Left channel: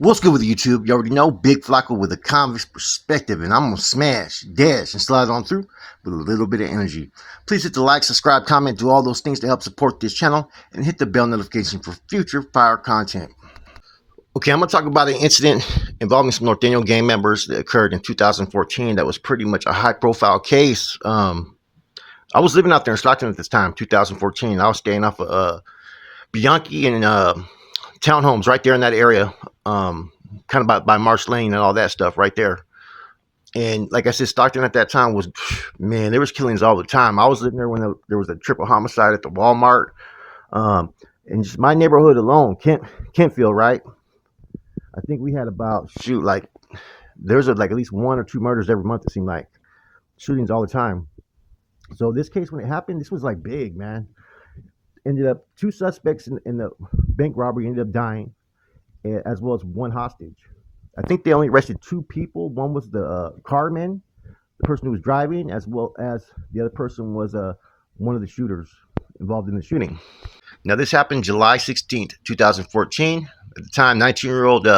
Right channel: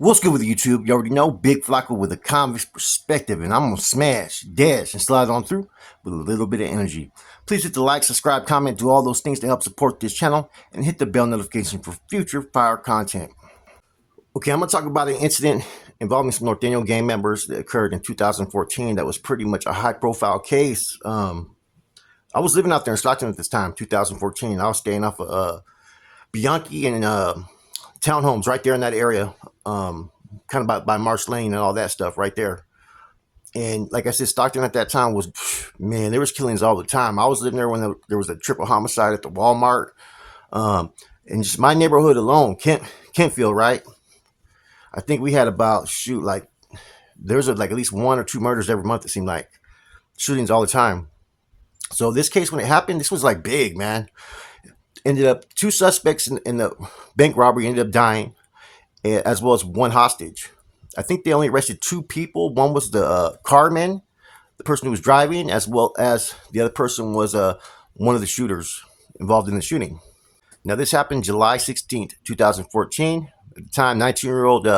What's good with YouTube? You already know, Big Flacco with a convict's perspective, and I'm gonna smash, dash, and slide on through with a little bit of energy. Please hit the like, subscribe, comment, do all those things to help support this channel, and hit the bell notification for future fire content. Okay, I'm gonna talk about an incident involving some Norteno gang members that occurred in 2014. That was pretty much a high-profile case. I was living out there in Stockton at this time, 2014. I was staying off of Bianchi and townhomes right there in that area, kind of by Marsh Lane and all that stuff right there. And like I said, Stockton at that time was, man, there was killings all the time. I was living there when there was a triple homicide at the Walmart. And just my neighborhood alone, Kentfield, right? I think we had about, there's like at least one or two murders every month, it seemed like. Shootings all the time. So this case, when it happened, this was like big, man. Ended up two suspects in the bank robbery ended up dying, as well as one hostage. I think they only arrested two people. One was the carman, the person who was driving, as well as the other person was one of the shooters involved in the shooting. Now this happened July 16th, 2014. At the time, 19-year-old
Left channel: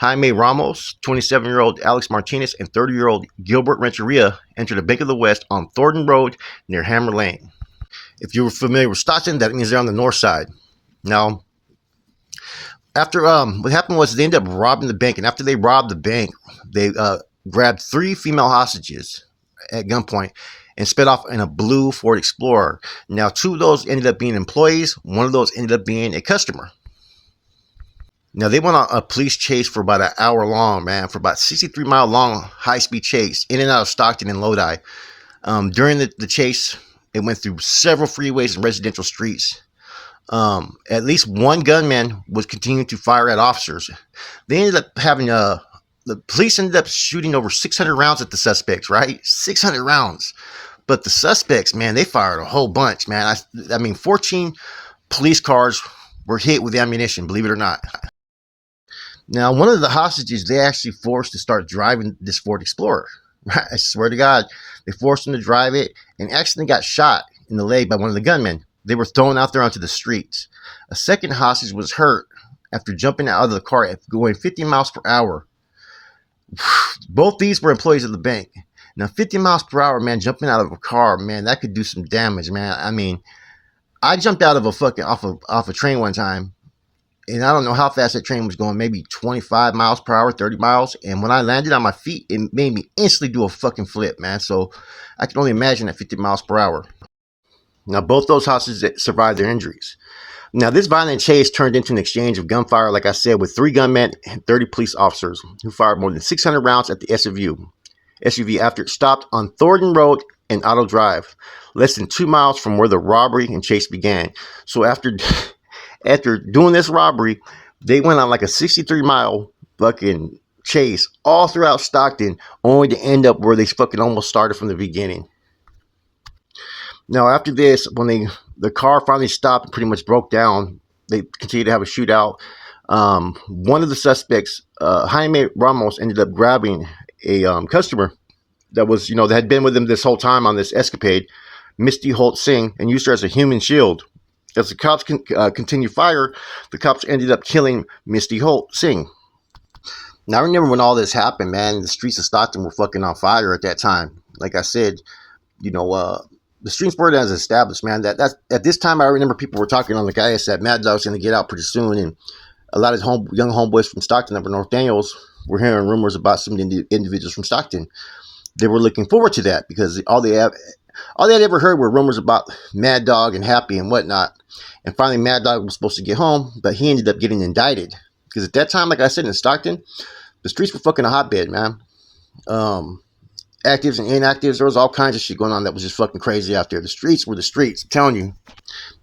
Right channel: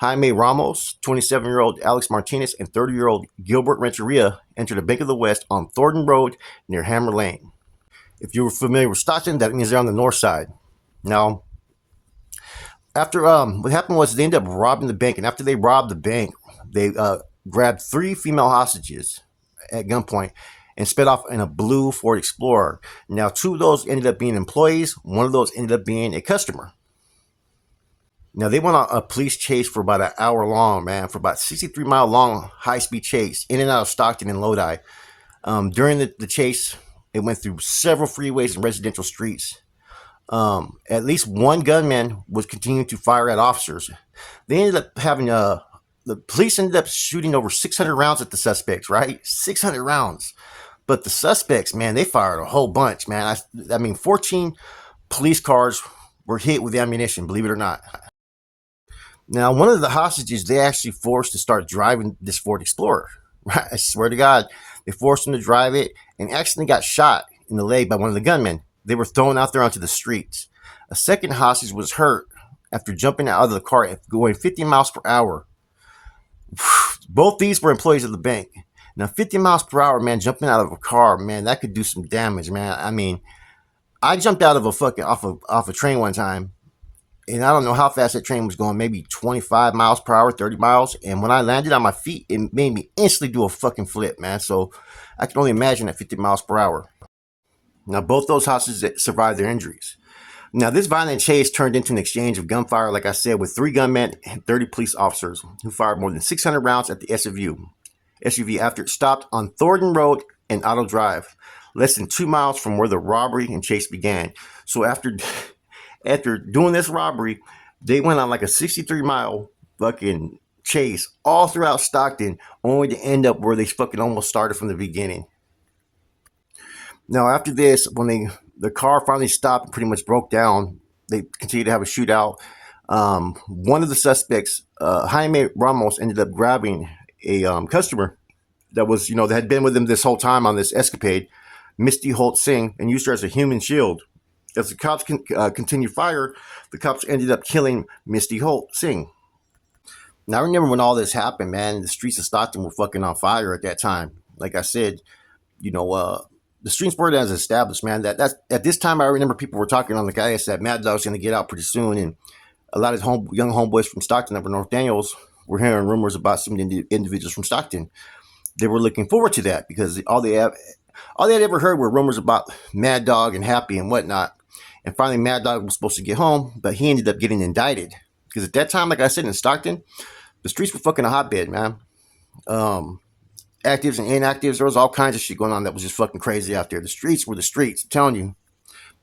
Jaime Ramos, 27-year-old Alex Martinez, and 30-year-old Gilbert Renteria entered the Bank of the West on Thornton Road near Hammer Lane. If you're familiar with Stockton, that means they're on the north side. Now, after what happened was they ended up robbing the bank, and after they robbed the bank, they grabbed three female hostages at gunpoint and sped off in a blue Ford Explorer. Now, two of those ended up being employees. One of those ended up being a customer. Now, they went on a police chase for about an hour long, man, for about 63-mile long high-speed chase in and out of Stockton and Lodi. During the chase, it went through several freeways and residential streets. At least one gunman was continuing to fire at officers. They ended up having the police ended up shooting over 600 rounds at the suspects, right? 600 rounds. But the suspects, man, they fired a whole bunch, man. I mean, 14 police cars were hit with ammunition, believe it or not. Now, one of the hostages, they actually forced to start driving this Ford Explorer. Right? I swear to God, they forced him to drive it and accidentally got shot in the leg by one of the gunmen. They were thrown out there onto the streets. A second hostage was hurt after jumping out of the car at going 50 miles per hour. Both these were employees of the bank. Now, 50 miles per hour, man, jumping out of a car, man, that could do some damage, man. I mean, I jumped out of off a train one time, and I don't know how fast that train was going, maybe 25 miles per hour, 30 miles. And when I landed on my feet, it made me instantly do a fucking flip, man. So I can only imagine at 50 miles per hour. Now, both those hostages survived their injuries. Now, this violent chase turned into an exchange of gunfire, like I said, with 3 gunmen and 30 police officers who fired more than 600 rounds at the SUV after it stopped on Thornton Road and Auto Drive, less than 2 miles from where the robbery and chase began. So after doing this robbery, they went on like a 63-mile fucking chase all throughout Stockton, only to end up where they fucking almost started from the beginning. Now, after this, when the car finally stopped and pretty much broke down, they continued to have a shootout. One of the suspects, Jaime Ramos, ended up grabbing a customer that was, that had been with him this whole time on this escapade, Misty Holt Singh, and used her as a human shield. As the cops continued fire, the cops ended up killing Misty Holt Singh. Now, I remember when all this happened, man, the streets of Stockton were fucking on fire at that time. Like I said, the streets weren't as established, man. That's at this time, I remember people were talking on the guys that Mad Dog's going to get out pretty soon, and a lot of young homeboys from Stockton that were Nortenos were hearing rumors about some individuals from Stockton. They were looking forward to that because all they had ever heard were rumors about Mad Dog and Happy and whatnot. And finally, Mad Dog was supposed to get home, but he ended up getting indicted. Because at that time, like I said, in Stockton, the streets were fucking a hotbed, man. Actives and inactives, there was all kinds of shit going on that was just fucking crazy out there. The streets were the streets. I'm telling you.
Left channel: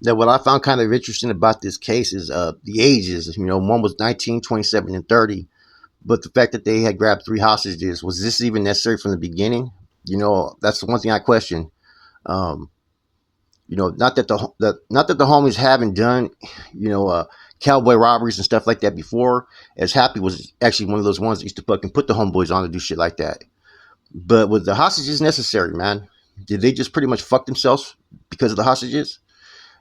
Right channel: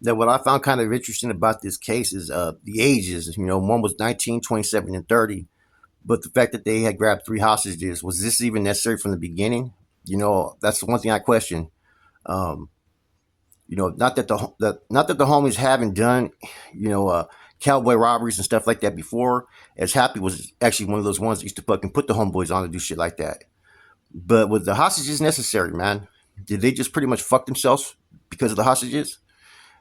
That what I found kind of interesting about this case is the ages. One was 19, 27, and 30. But the fact that they had grabbed 3 hostages, was this even necessary from the beginning? That's the one thing I question. Not that the homies haven't done, cowboy robberies and stuff like that before, as Happy was actually one of those ones that used to fucking put the homeboys on to do shit like that. But was the hostages necessary, man? Did they just pretty much fuck themselves because of the hostages?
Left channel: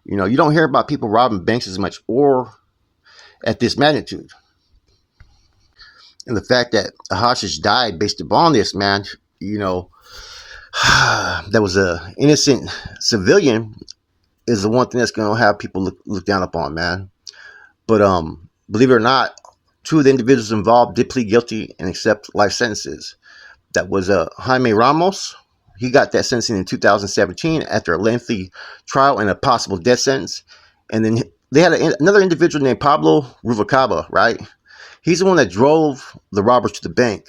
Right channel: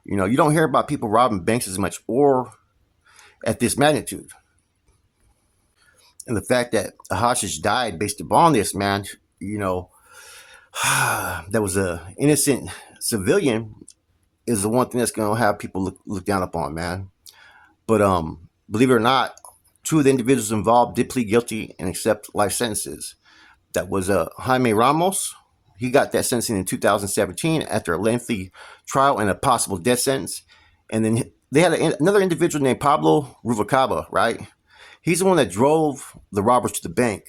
You don't hear about people robbing banks as much or at this magnitude. And the fact that a hostage died based upon this, man, you know, that was a innocent civilian is the one thing that's gonna have people look down upon, man. But believe it or not, two of the individuals involved did plead guilty and accept life sentences. That was Jaime Ramos. He got that sentencing in 2017 after a lengthy trial and a possible death sentence. And then they had another individual named Pablo Ruvalcaba, right? He's the one that drove the robbers to the bank.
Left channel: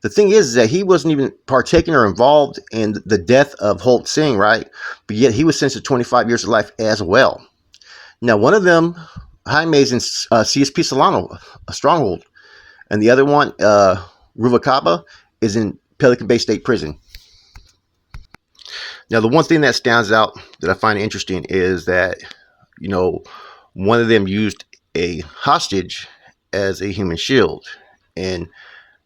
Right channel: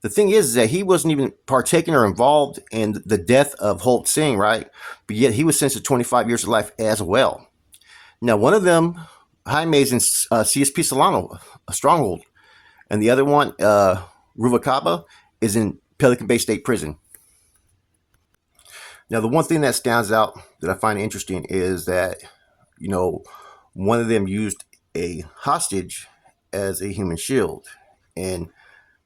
The thing is that he wasn't even partaking or involved in the death of Holt Singh, right? But yet he was sentenced to 25 years of life as well. Now, one of them, Jaime, is in CSP Solano, a stronghold, and the other one, Ruvalcaba, is in Pelican Bay State Prison. Now, the one thing that stands out that I find interesting is that, you know, one of them used a hostage as a human shield. And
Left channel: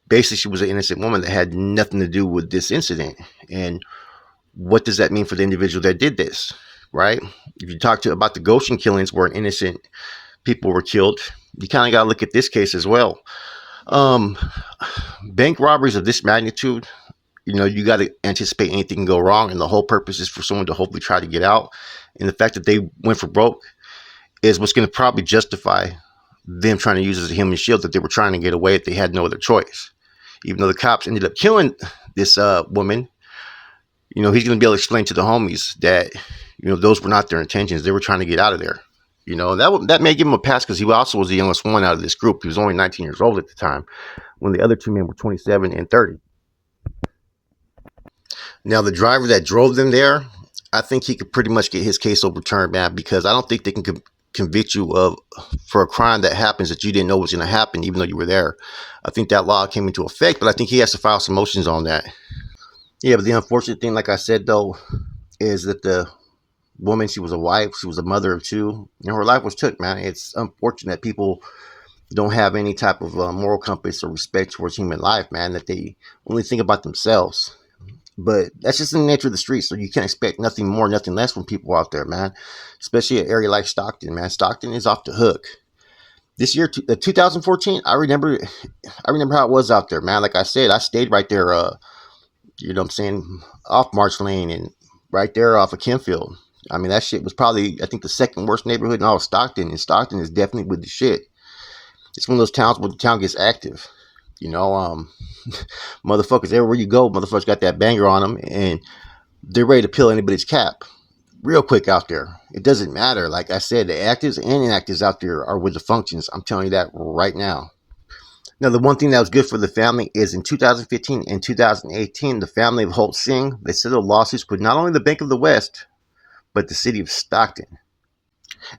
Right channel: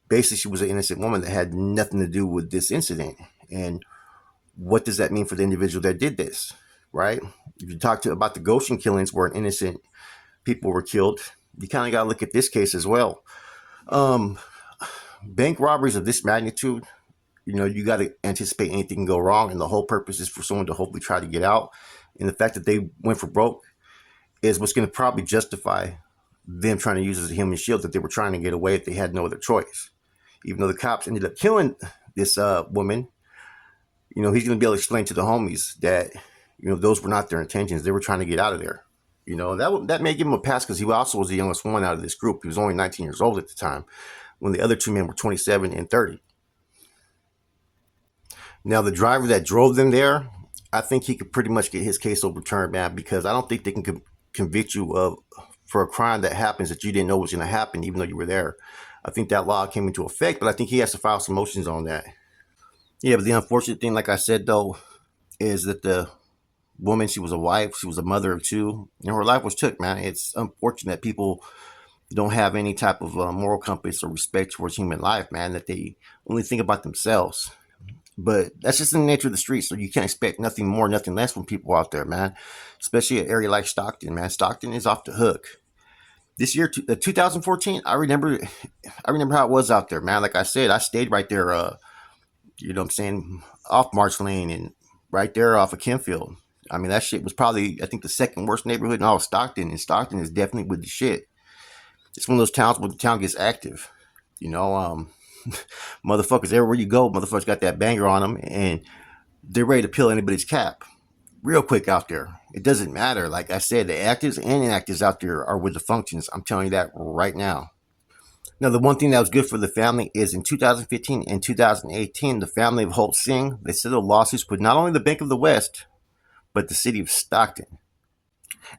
basically, she was an innocent woman that had nothing to do with this incident. And what does that mean for the individual that did this, right? If you talk about the Goshen killings where innocent people were killed, you kind of got to look at this case as well. Bank robberies of this magnitude, you know, you got to anticipate anything can go wrong, and the whole purpose is for someone to hopefully try to get out. And the fact that they went for broke is what's going to probably justify them trying to use it as a human shield, that they were trying to get away if they had no other choice. Even though the cops ended up killing this woman, you know, he's going to be able to explain to the homies that, you know, those were not their intentions. They were trying to get out of there. You know, that may give him a pass because he also was the youngest one out of this group. He was only 19 years old at the time when the other two men were 27 and 30. Now, the driver that drove them there, I think he could pretty much get his case overturned, man, because I don't think they can convict you of for a crime that happens that you didn't know was going to happen, even though you were there. I think that law came into effect, but I think he has to file some motions on that. Yeah, but the unfortunate thing, like I said, though, is that the woman, she was a wife, she was a mother of two, and her life was took, man. It's unfortunate that people don't have any type of moral compass or respect towards human life, man, that they only think about themselves. But that's just in the nature of the streets, so you can't expect nothing more, nothing less from people out there, man. Especially an area like Stockton, man. Stockton is off the hook. This year, 2014, I remember how it was out there, man. Like I said, I stayed right there, you know what I'm saying, off March Lane and right there off of Kenfield. I mean, that shit was probably, I think, the second worst neighborhood in all of Stockton, and Stockton is definitely with the shit. It's one of those towns where the town gets active. You know, motherfuckers, everywhere you go, motherfuckers got that banger on them, and they're ready to peel anybody's cap real quick out there. It doesn't matter. Like I said, the actives and inactives out there are with the functions. I'm telling you that right now. Now, the one thing that was good for the family is in 2015 and 2018, the family of Holt Singh, they settled lawsuits with not only the Bank of the West, but the city of Stockton.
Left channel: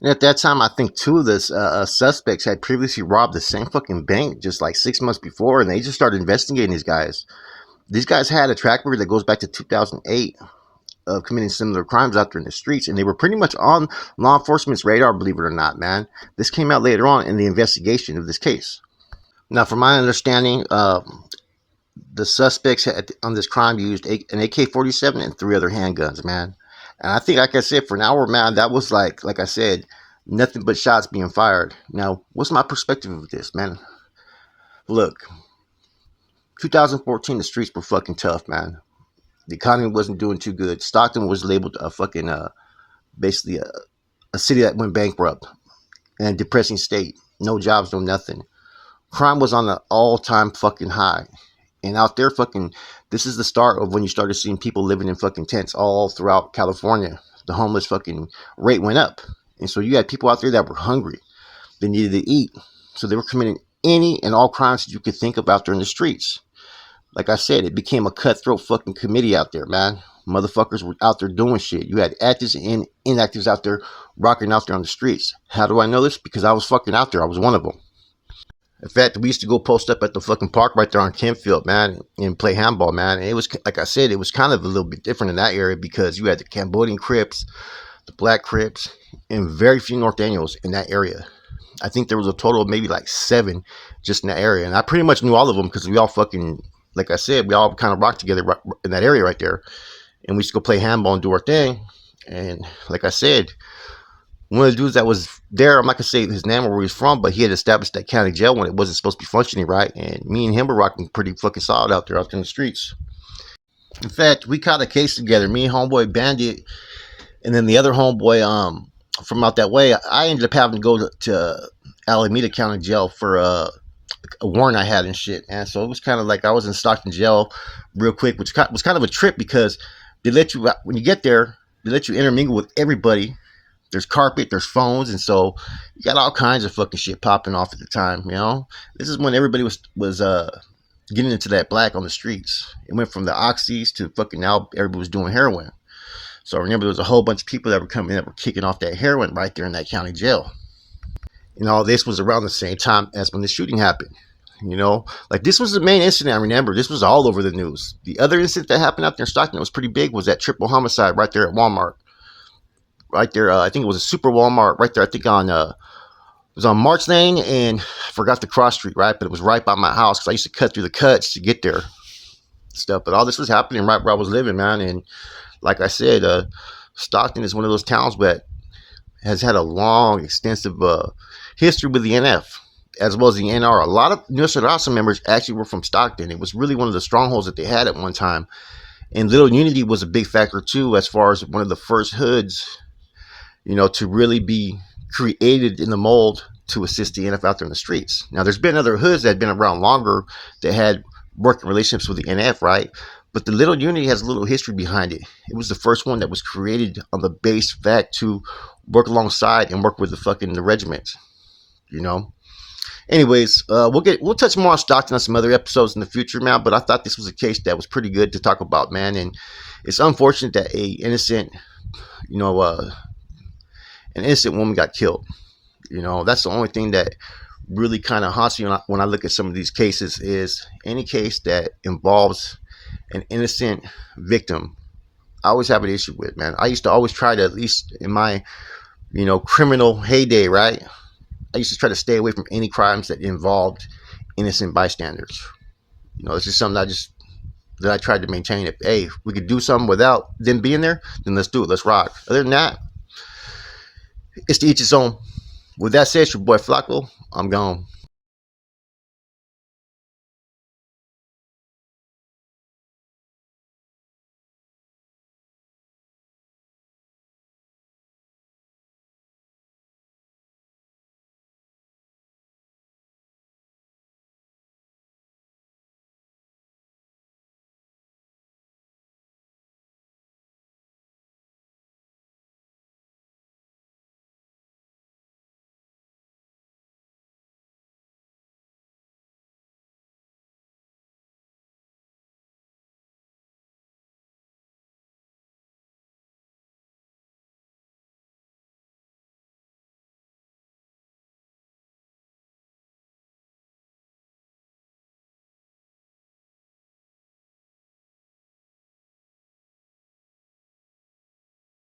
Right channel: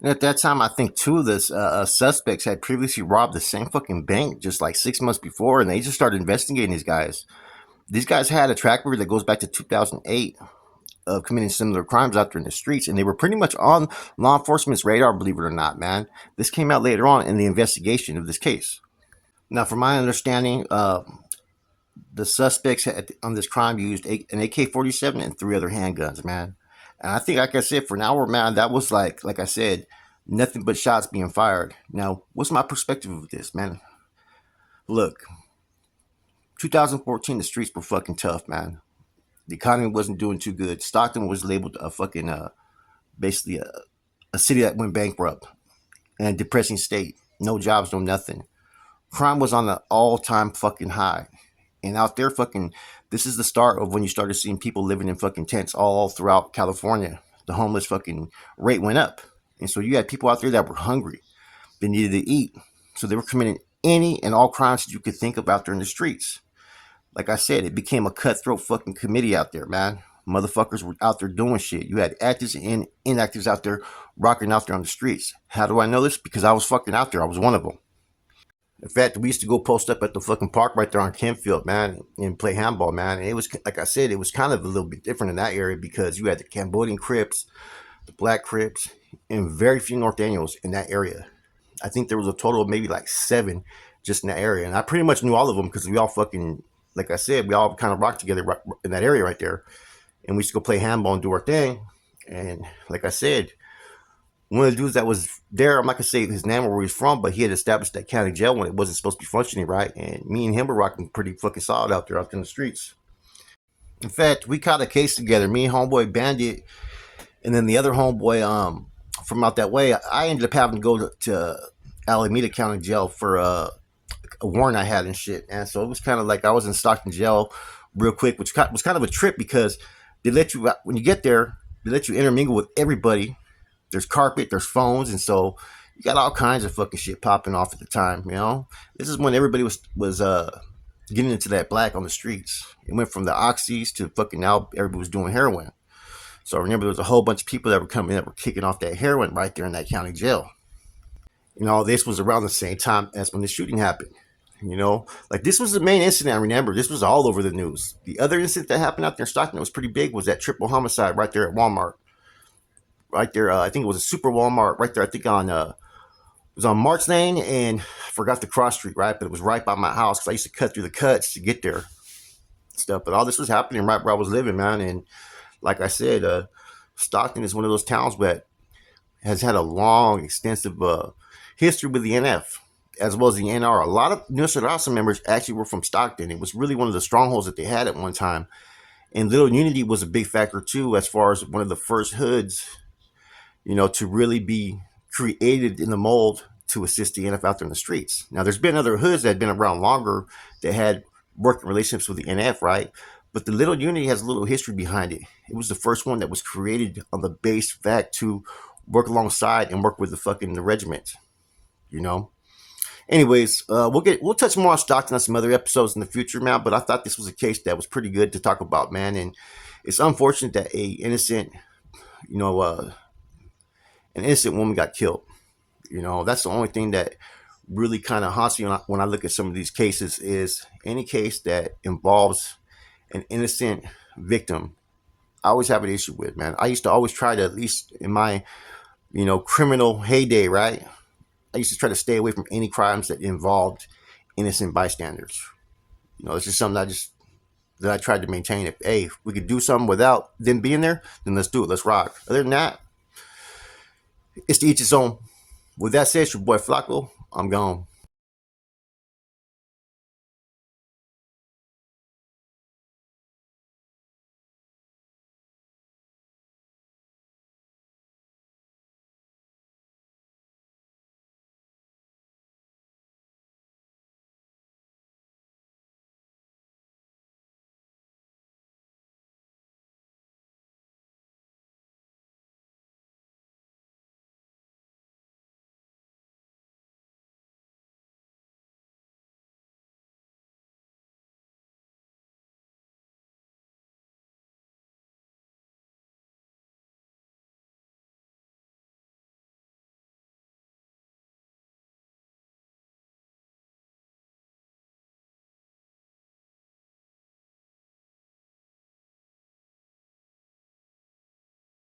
And at that time, I think two of the suspects had previously robbed the same fucking bank just like 6 months before, and they just started investigating these guys. These guys had a track record that goes back to 2008 of committing similar crimes out there in the streets, and they were pretty much on law enforcement's radar, believe it or not, man. This came out later on in the investigation of this case. Now, from my understanding, the suspects on this crime used an AK-47 and 3 other handguns, man. And I think, like I said, for an hour, man, that was like I said, nothing but shots being fired. Now, what's my perspective of this, man? Look, 2014, the streets were fucking tough, man. The economy wasn't doing too good. Stockton was labeled a fucking, basically a city that went bankrupt and a depressing state. No jobs, no nothing. Crime was on an all-time fucking high. And out there, fucking, this is the start of when you started seeing people living in fucking tents all throughout California. The homeless fucking rate went up. And so you had people out there that were hungry. They needed to eat. So they were committing any and all crimes that you could think of out there in the streets. Like I said, it became a cutthroat fucking committee out there, man. Motherfuckers were out there doing shit. You had actives and inactives out there rocking out there on the streets. How do I know this? Because I was fucking out there. I was one of them. In fact, we used to go post up at the fucking park right there on Kenfield, man, and play handball, man. And it was, like I said, it was kind of a little bit different in that area because you had the Cambodian Crips, the Black Crips, and very few Nortenos in that area. I think there was a total of maybe like 7 just in that area. And I pretty much knew all of them because we all fucking, like I said, we all kind of rocked together in that area right there. And we used to go play handball and do our thing. And like I said, one of the dudes that was there, I'm not gonna say his name or where he's from, but he had established that county jail when it wasn't supposed to be functioning right, and me and him were rocking pretty fucking solid out there in the streets. In fact, we caught a case together, me and homeboy Bandit, and then the other homeboy from out that way. I ended up having to go to Alameda County Jail for a warrant I had and shit, and so it was kind of like I was in Stockton Jail real quick, which was kind of a trip because they let you, when you get there, they let you intermingle with everybody. There's carpet, there's phones, and so you got all kinds of fucking shit popping off at the time. You know, this is when everybody was getting into that black on the streets. It went from the oxys to fucking now everybody was doing heroin. So I remember there was a whole bunch of people that were coming that were kicking off that heroin right there in that county jail. And all this was around the same time as when the shooting happened. You know, like this was the main incident I remember. This was all over the news. The other incident that happened out there in Stockton that was pretty big was that triple homicide right there at Walmart. Right there, I think it was a super Walmart right there. I think on it was on March Lane and I forgot the cross street, right? But it was right by my house because I used to cut through the cuts to get there, stuff. But all this was happening right where I was living, man. And like I said, Stockton is one of those towns that has had a long, extensive history with the NF as well as the NR. A lot of Nortenos members actually were from Stockton. It was really one of the strongholds that they had at one time. And Little Unity was a big factor too, as far as one of the first hoods, you know, to really be created in the mold to assist the NF out there in the streets. Now, there's been other hoods that had been around longer that had working relationships with the NF, right? But the Little Unity has a little history behind it. It was the first one that was created on the base fact to work alongside and work with the regiment, you know. Anyways, we'll touch more on Stockton on some other episodes in the future, man. But I thought this was a case that was pretty good to talk about, man. And it's unfortunate that an innocent woman got killed. You know, that's the only thing that really kind of haunts me when I look at some of these cases is any case that involves an innocent victim. I always have an issue with, man. I used to always try to, at least in my, criminal heyday, right? I used to try to stay away from any crimes that involved innocent bystanders. You know, it's just something that I tried to maintain. If we could do something without them being there, then let's do it. Let's rock. Other than that, it's to each its own. With that said, it's your boy Flacco. I'm gone.